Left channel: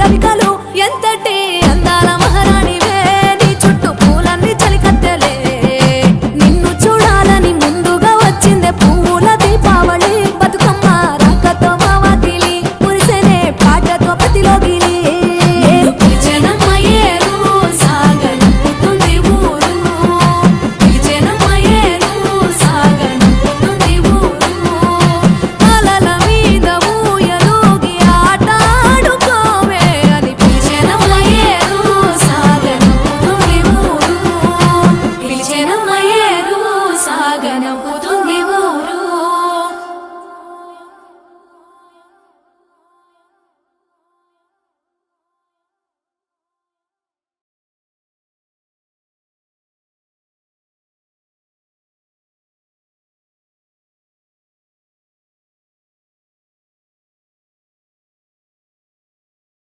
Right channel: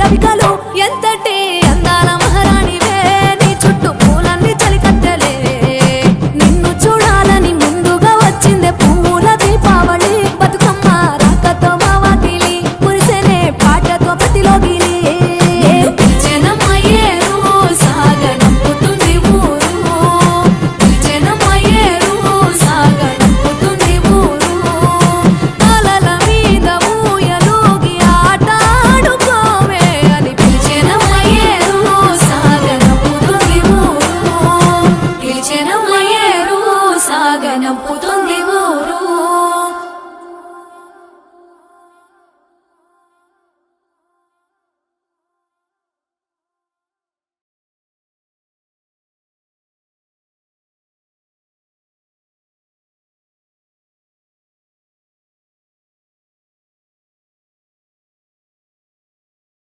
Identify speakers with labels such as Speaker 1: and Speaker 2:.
Speaker 1: రవికలు ఎంతటి అందాల మహారాణివే? నీ చుట్టూ పూలన్నీ చలికత్తెలే. నిన్ను చూడాలని ముందుగా వచ్చిందే పువ్వుల దీపావళి. బతుకమ్మ రాకతో మావాకిలి మురిసెనే పాటతో ప్రతిలోగిలి.